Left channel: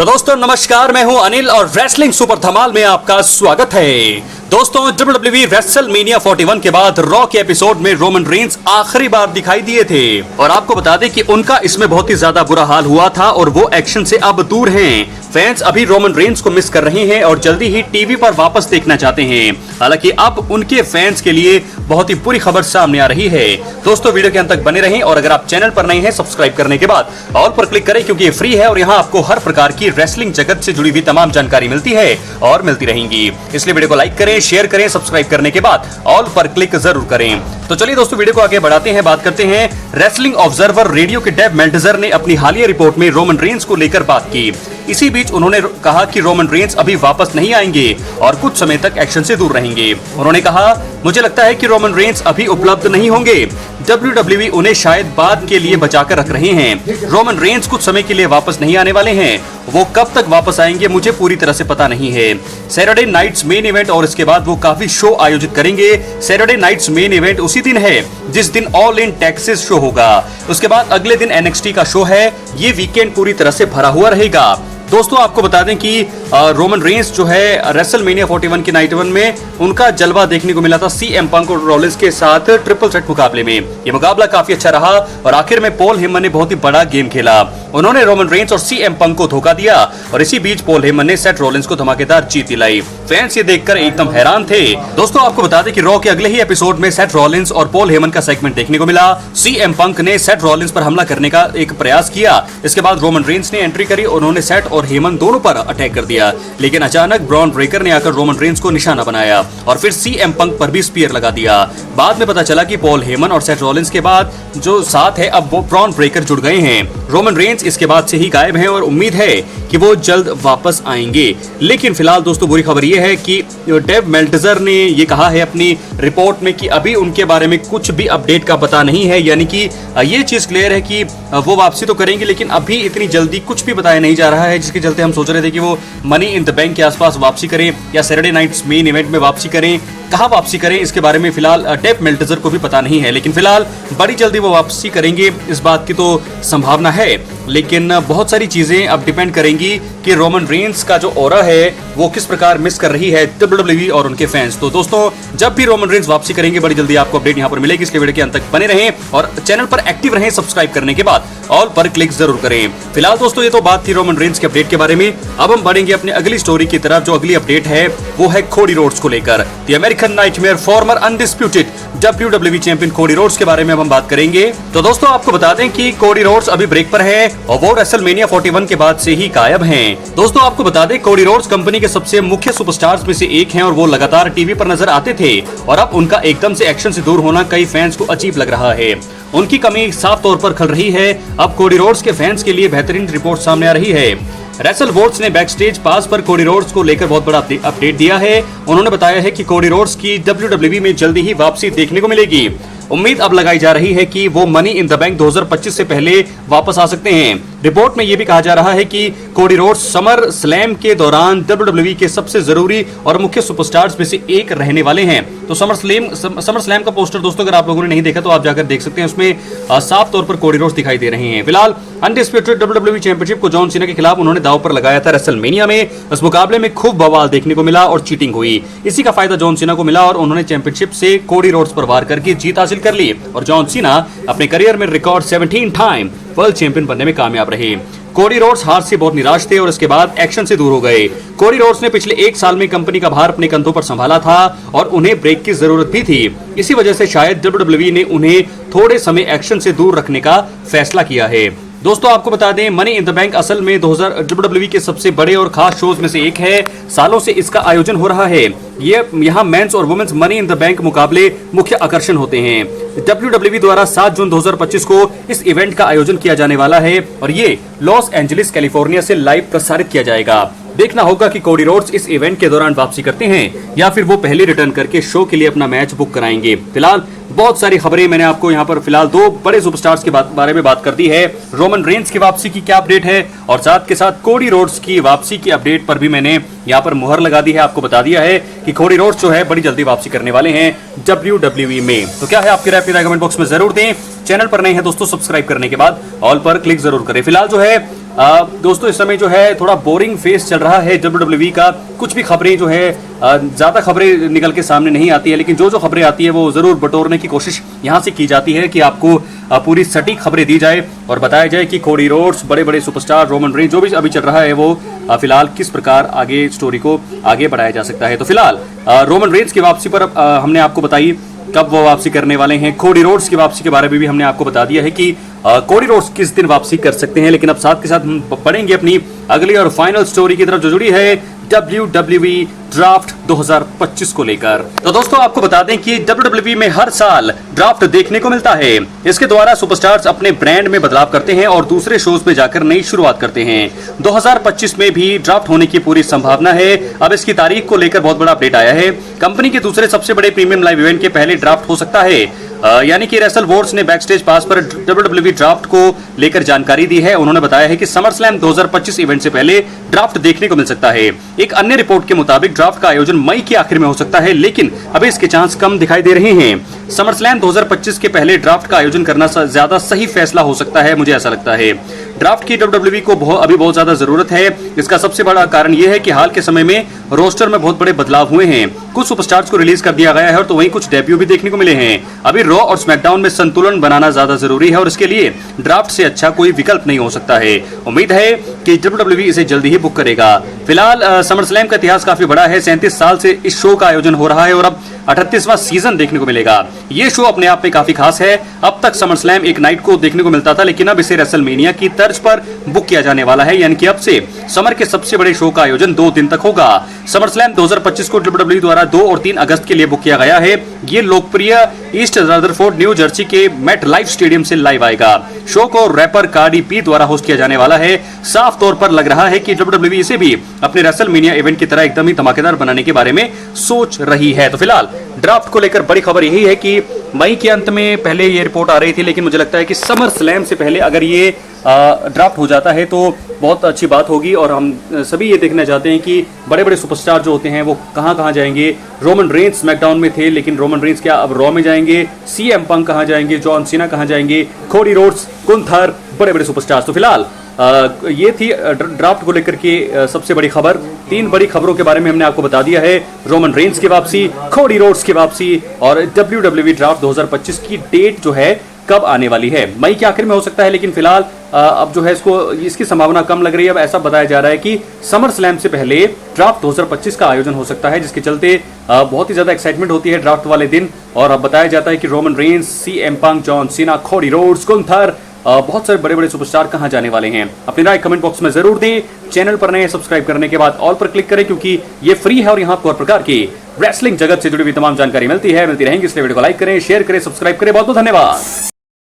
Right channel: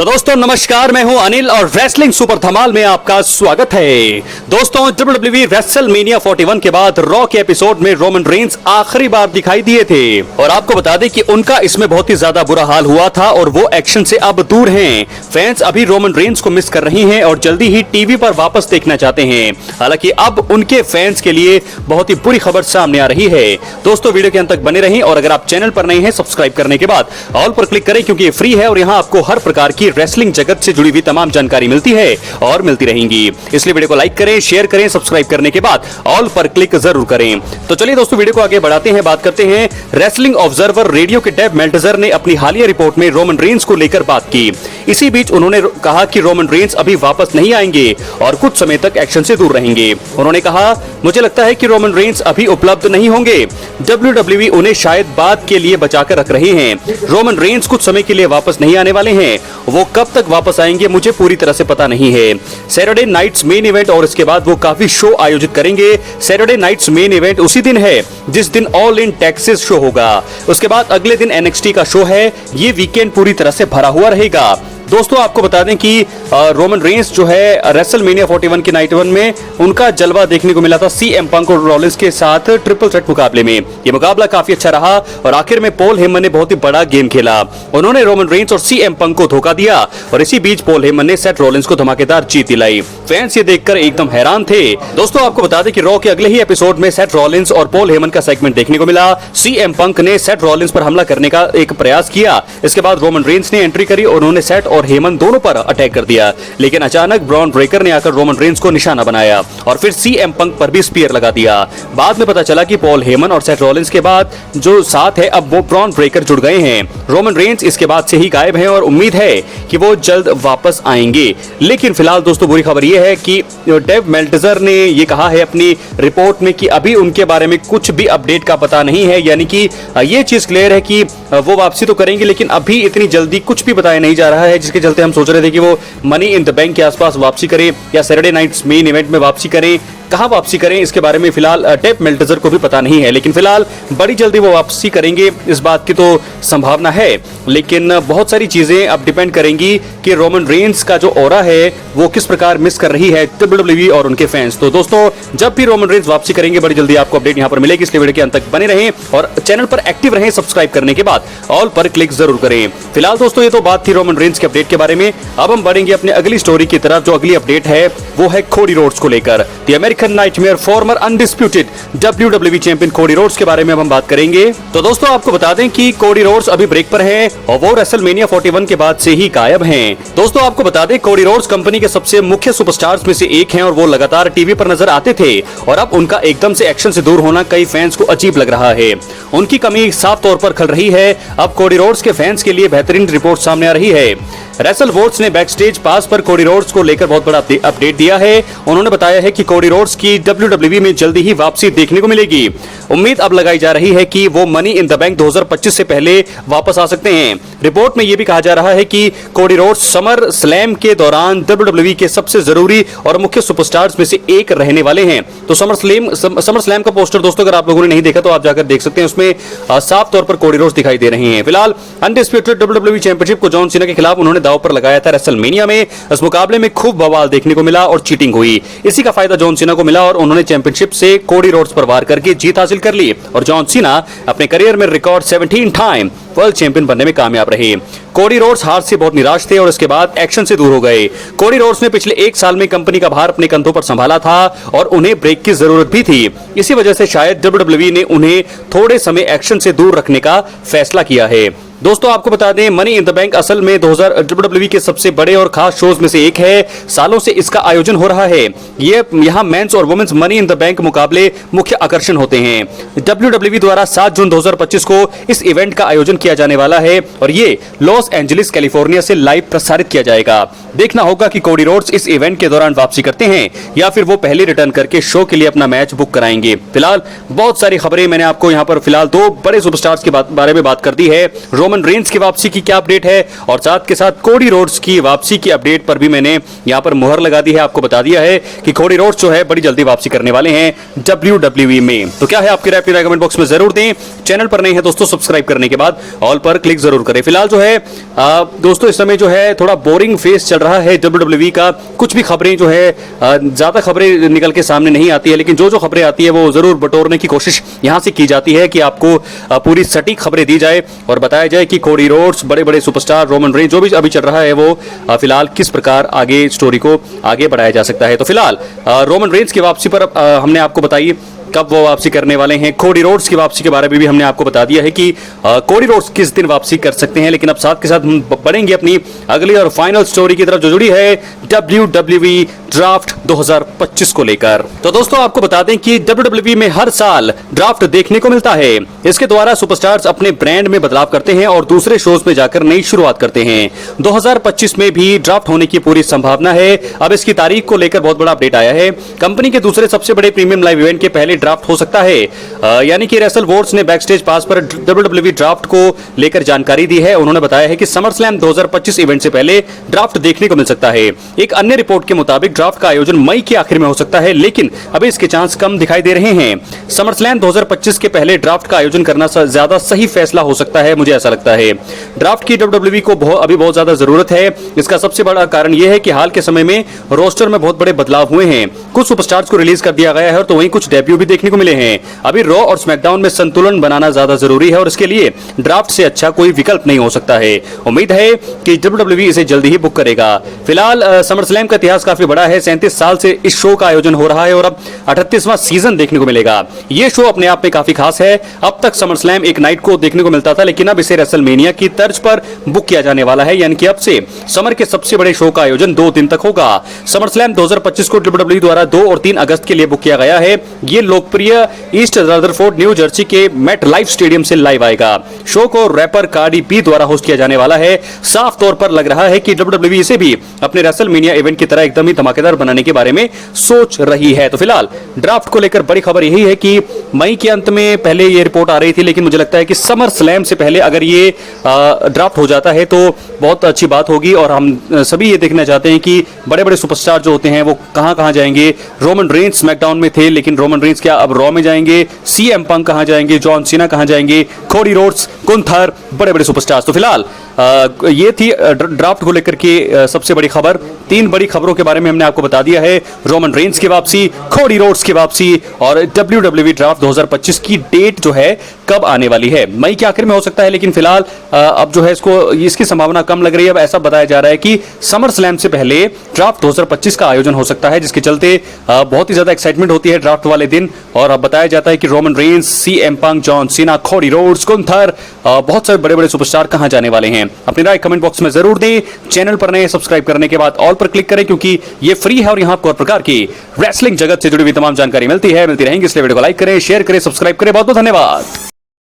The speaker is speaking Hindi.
तो दोस्तों नमस्कार, मैं हूं अनिल और रेसलिंग सुपर धमाल में आपका स्वागत है। दोस्तों WWE रेसलमेनिया 41 के बाद रॉ के एपिसोड में रोमन रेंस आखिरी बार दिखाई दिए थे और आपको बता दें कि उनका इसमें बहुत ही ज्यादा बुरा हाल हुआ था और वो एक्शन से अब दूर हैं। फैंस अभी रोमन रेंस को मिस कर रही हैं और जल्दी ही टीवी पर वापस देखना चाहते हैं। हालांकि अब उनके फैंस के लिए बहुत ही बुरी खबर सामने आ रही है। दोस्तों वीडियो के अंत तक बने रहें और अगर आप चैनल पर नए हैं सब्सक्राइब करने के बाद ऑल पर क्लिक करें क्योंकि ये फ्री है और यहाँ आपको हर प्रकार की रेसलिंग जगत से जुड़ी हुई तमाम जानकारी मिलती है और मिलती रहेंगी। इसलिए वीडियो को लाइक करें, शेयर करें, सब्सक्राइब करने के बाद ऑल पर क्लिक जरूर करें। तो चलिए दोस्तों वीडियो को आगे बढ़ाते हैं, बात करते हैं। रेसलिंग ऑब्जर्वर रेडियो के डेव मेल्टजर ने अपनी हालिया रिपोर्ट में रोमन रेंस को लेकर बात की। इसी बीच उन्होंने कहा कि रोमन रेंस अभी वापस नहीं आएंगे और कुछ समय तक एक्शन से दूर रहेंगे। उन्होंने कहा, मुझे लगता है कि रोमन रेंस अभी उपलब्ध नहीं होंगे। WWE उन्हें शायद बाद के लिए बचाकर रख रहे हैं। रोमन रेंस कुछ समय के लिए वापस नहीं आने वाले हैं। वो कब तक वापस आएंगे मुझे पूरी तरह से पता नहीं है। सैटरडे नाइट्स मेन इवेंट और इसके बाद वो काफी शो आयोजित करेंगे। सैटरडे नाइट्स मेन इवेंट उसी दिन है जिस दिन ऑल इन टेक्सास शो होगा। उसके बाद अगले दिन NXT का शो है। ये वीकेंड पूरी तरह से भरा हुआ रहेगा। दोस्तों आपको बता दें कि रोमन रेंस जो है रेसलमेनिया 41 के नाइट 1 में उनका जलवा देखने को मिला था CM पंक और रॉलिंस के साथ ट्रिपल थ्रेट मुकाबले में। ये मुकाबला काफी अच्छा रहा और आखिर में पॉल हेमन ने बहुत ही बड़ा गेम खेला। उन्होंने रोमन रेंस और CM पंक को धोखा दिया और इसी बीच पॉल हेमन ने सेथ रॉलिंस को धमाकेदार जीत दिलाई। फैंस ये देखकर एकदम हैरान थे। दोस्तों आपको बता दें कि रॉ के अगले ही एपिसोड में सेथ रॉलिंस और पॉल हेमन का सेगमेंट देखने को मिला। CM पंक ने सेथ रॉलिंस पर हमला करने का एक प्रयास किया। इसके बाद रोमन रेंस ने एंट्री करी और उन्होंने सेथ और हेमन दोनों पर अटैक कर दिया, लेकिन अचानक ब्रॉन ब्रेकर ने आकर रोमन रेंस को निशाना बनाया और फिर CM पंक पर भी स्पीयर लगा दिया। बाद में पता चला कि पॉल हेमन और सेथ रॉलिंस के बाद जो साथ है अब वो ब्रॉन ब्रेकर जुड़ गए हैं। रोमन रेंस इसके बाद से ही गायब हैं और उम्मीद है कि वो जल्द वापस आएंगे। लेकिन फिलहाल दोस्तों बुरी खबर ये है कि डेव मेल्टजर ने ये कहा है अपनी रिपोर्ट में कि अभी उनके बारे में कुछ भी अपडेट का पता नहीं है। यानी कि ये चीज क्लियर है कि वो वापसी तो करेंगे लेकिन अभी इतनी जल्दी कुछ भी बताया नहीं जा रहा है, जिसके चलते हम सोच रहे थे कि वो मनी इन द बैंक के आसपास वापसी करें या सैटरडे नाइट्स मेन इवेंट में वापसी करें। कहां वापसी करें इसके बारे में फिलहाल डेव मेल्टजर को भी पता नहीं है, लेकिन फिलहाल बड़ी जल्दी वो वापसी करेंगे इस बात की तो संभावना है। लेकिन बहुत सारी चीजें अब डिपेंड करेंगी कि रोमन रेंस का जो ऑरा है वो किस प्रकार मिस कर रही है WWE और उनके फैंस। तो दोस्तों जब भी रोमन रेंस वापसी करेंगे बड़ी जल्दी आपको अपडेट यहाँ पर मिलेगी। इसलिए वीडियो के अंत तक बने रहें और चैनल पर एक्टिव रहें। सब्सक्राइब करने के बाद ऑल पर क्लिक जरूर करें। फिलहाल दोस्तों ये तो बात थी रोमन रेंस के अपडेट के बारे में। अब हम बढ़ेंगे अपने अगली स्टोरी की तरफ। जो अगली अपडेट है वो है कोडी रोड्स को लेकर। The American nightmare farmer undisputed WWE champion Cody Rhodes के बारे में हम बात करेंगे। तो दोस्तों आपको बता दें कि कोडी रोड्स अभी ब्रेक पर है और वो रेसलमेनिया 41 के बाद से ही गायब हैं। दोस्तों आपको बता दें कोडी रोड्स कंपनी के सबसे मुख्य सुपरस्टार्स में से एक हैं और वो लगातार टीवी पर नजर आते थे और अब उनका एकदम से एक्शन से दूर होना कई फैंस को अजीब लग रहा है। उनकी कमी साफ तौर पर खल रही है। अब कोडी रोड्स के फैंस के लिए बेहतरीन रिपोर्ट सामने आ रही है। रेसल वोट्स ने बैकस्टेज पास पर कोडी रोड्स को लेकर बहुत बड़ा अपडेट दिया है। उन्होंने बताया है कि कोडी रोड्स की WWE में जल्दी ही वापसी देखने को मिलेगी। उम्मीद अब लगाई जा रही है कि वो मनी इन द बैंक 2025 से पहले वापस आ सकते हैं। रिपोर्ट में यह भी कहा जा रहा है कि कोडी रोड्स समर स्लैम के दौरान WWE के सबसे जरूरी और मुख्य सुपरस्टार्स में से एक रहने वाले हैं। तो समर स्लैम का पोस्टर दोस्तों अगर आप लोगों ने नहीं देखा तो आप जाकर देख सकते हैं। उसमें साफ तौर पर कोडी रोड्स दिखाई दे रहे हैं। फिलहाल अनडिस्प्यूटेड WWE चैंपियनशिप को जॉन सीना के खिलाफ उन्होंने दांव पर लगाया था रेसलमेनिया में। इस मुकाबले में खूब बवाल देखने को मिला और चीटिंग हुई। इसी का फायदा जॉन सीना को मिला और उन्होंने चैंपियनशिप से कोडी रोड्स पर वार करके जीत हासिल कर ली और जॉन सीना अपने करियर में रिकॉर्ड 17 टाइम वर्ल्ड चैंपियन बनने में कामयाब रहे। कोडी रोड्स हार से बहुत निराश थे और इसके बाद एक्शन से दूर हो गए। कोडी रोड्स ने पिछले एक साल में कंपनी का भार अपने कंधों पर संभाला था और उन्हें ब्रेक की जरूरत भी थी। इसी वजह से शायद WWE ने उन्हें थोड़े समय एक्शन से दूर रखने का फैसला किया है। दोस्तों आपको बता दें मनी इन द बैंक असल में WWE के सबसे बड़े और खास शोज में से एक है। सालों से इसका आयोजन हो रहा है। ये यहाँ मेंस और women's money in the bank मुकाबले मुख्य आकर्षण होते हैं। WWE द्वारा 7 जून 2025 को इस इवेंट का आयोजन किया जाने वाला है और ये लॉस एंजलिस कैलिफोर्निया से लाइव प्रसारित किया जाएगा। देखना होगा कि कोडी रोड्स इस इवेंट के दौरान वापसी करते हैं या फिर वो पहले रिटर्न करके शो के लिए अपना मैच बुक कराएंगे। फिलहाल बहुत सारी खबरें मैंने आपको यहाँ पर फिलहाल दो बड़े सुपरस्टार्स के बारे में बात कर दी है। रोमन रेंस की वापसी की क्या अपडेट है और साथ के साथ कोडी रोड्स की वापसी की अपडेट पर भी मैंने यहाँ पर मुहर लगा दी है। आपको बता दिया है कि कोडी रोड्स जो है बड़ी जल्दी वापसी करने वाले हैं WWE में। तो क्या है आपकी राय, अपनी कमेंट बॉक्स में जरूर दें। चैनल पर नए हैं दोस्तों, सब्सक्राइब करने के बाद ऑल पर क्लिक जरूर करें। फिलहाल जो है दोस्तों इस समय जो है थोड़ा बोरिंग फेस चल रहा है WWE का। कुछ भी खबरें जो है ज्यादा खबरें निकल के सामने नहीं आती है, लेकिन जो खबरें आती है वो जरूर बटोरने की कोशिश यहां से की जाती है कि आपको पूरी सटीक खबरें दी जाए और बताया जाए कि कोडी रोड्स, बड़े बड़े सुपरस्टार रोमन रेंस, जो भी अभी चल रहा है वो फिलहाल किस प्रकार आगे स्टोरी को आगे बढ़ाया जा सकता है। तो फिलहाल रोमन रेंस की वापसी पर हमने आपको बताई कब वो वापसी करने वाले हैं। कोडी रोड्स की वापसी के बारे में भी हमने आपको बता दिया है कि कोडी रोड्स किस दिन वापसी कर सकते हैं। लेकिन अब साथ के साथ हम बढ़ेंगे अपनी अगली और फाइनल स्टोरी की तरफ जो जुड़ी है WWE ड्राफ्ट 2025 को लेकर। तो दोस्तों आपको बता दें कि WWE में हर साल ड्राफ्ट देखने को मिलता है। इसके द्वारा सुपरस्टार्स अपने ब्रांड में बदलाव करते हैं और दूसरे शोज में जाकर नई शुरुआत करते हैं। 2025 में भी ड्राफ्ट होने की पूरी संभावना है। अब इसकी तारीख को लेकर बहुत बड़ा अपडेट आया है। कंपनी के दूसरे सबसे बड़े प्रीमियम लाइव इवेंट के पहले ड्राफ्ट हो सकता है। यानी कि रेसल वॉर्स ने बैकस्टेज पास पर WWE ड्राफ्ट को लेकर जानकारी दी है। उन्होंने बताया है कि समर स्लैम 2025 इवेंट से पहले ड्राफ्ट देखने को मिल सकता है। एक अन्य रिपोर्ट के मुताबिक ड्राफ्ट का आयोजन मई के आखिर में हो सकता है, लेकिन अभी इसके चांस कम दिखाई दे रहे हैं। समर स्लैम 2025 के पहले ड्राफ्ट का आयोजन करना ज्यादा सही फैसला हो सकता है, मुझे ऐसा लगता है। ड्राफ्ट की WWE को अभी बहुत ज्यादा जरूरत है। इसका सबसे बड़ा कारण यह है कि हाल के समय में रोस्टर में बहुत बड़े बदलाव हुए हैं। कुछ सुपरस्टार्स को रिलीज कर दिया गया है और तो वहीं कुछ डेब्यू भी देखने को मिले हैं। अभी रॉ और स्मैकडाउन में संतुलन बनाना ज्यादा जरूरी है और इसके लिए ड्राफ्ट से अच्छा कोई विकल्प नहीं हो सकता है। उम्मीद है कि WWE इसे जल्दी ही बुक करेगा। फिलहाल समर स्लैम का इतिहास काफी बड़ा है। 37 साल से इस शो का आयोजन हो रहा है और अब 38वां सीजन देखने को मिलेगा। ये शो अपने आप में काफी खास है। अब तक समर स्लैम एक नाइट को देखने को मिलता था, लेकिन अब इसे रेसलमेनिया की तर्ज पर बुक किया जाने वाला है। यानी कि अब से समर के सबसे बड़े शो का आयोजन 2 दिन तक होगा। समर स्लैम 2025 को WWE द्वारा 2 और 3 अगस्त के लिए बुक किया गया है। ये लोकप्रिय ईस्ट रदरफोर्ड न्यू जर्सी के मेट लाइफ स्टेडियम से लाइव आएगा। शो को रैपर कार्डी बी द्वारा होस्ट किया जाने वाला है। साफ तौर पर लग रहा है कि WWE इसे भी अपने रेसलमेनिया इवेंट की तरह एकदम ही धमाकेदार बनाने के बारे में सोच रही है। तो फिलहाल ड्राफ्ट को लेकर बड़ी खबर यही है कि मई के अंत में पहले ये रिपोर्ट आ रही थी, लेकिन मुझे लगता है कि समर स्लैम से पहले अगर ये ड्राफ्ट हो जाता है तो बहुत अच्छी बात होगी। और हम सभी ये देखना चाहते हैं कि बड़े बड़े सुपरस्टार जो होते हैं वो कहां कहां जाएंगे। रोमन रेंस स्मैकडाउन में थे, लेकिन रोमन रेंस क्या अब रॉ में जाएंगे? CM पंक कहां जाएंगे? जॉन सीना कहां जाएंगे? कोडी रोड्स, गुंथर, बड़े बड़े सुपरस्टार्स। तो फिलहाल ये थी ड्राफ्ट को लेकर के सबसे बड़ी खबर। 3 बड़ी खबरों के बारे में हमने आपको बता दिया है। रोमन रेंस की वापसी, कोडी रोड्स की वापसी और WWE ड्राफ्ट 2025 की डेट जो है कब आने वाली है। मई के आखिर में हो सकता है, लेकिन फिलहाल अब जो है इसकी संभावना कम लग रही है। अब ऐसा बताया जा रहा है कि समर स्लैम से पहले ड्राफ्ट 2025 का आयोजन हो सकता है, जिसके चलते बहुत ही ज्यादा एक्साइटमेंट होती है ड्राफ्ट वाले दिन। और अब बताया जाता है कि रोमन रेंस, CM पंक, John Cena, Cody Rhodes, Gunther, बहुत सारे बड़े बड़े सुपरस्टार कहां जाने वाले हैं। अपनी राय कमेंट बॉक्स में जरूर दें। चैनल पर नए सब्सक्राइब करने के बाद ऑल पर क्लिक करें, क्योंकि ये फ्री है और यहाँ आपको हर प्रकार की रेसलिंग जगत से जुड़ी हुई तमाम जानकारी मिलती रहेंगी। इसलिए वीडियो को लाइक करें, शेयर करें, सब्सक्राइब करें। बहुत बहुत धन्यवाद।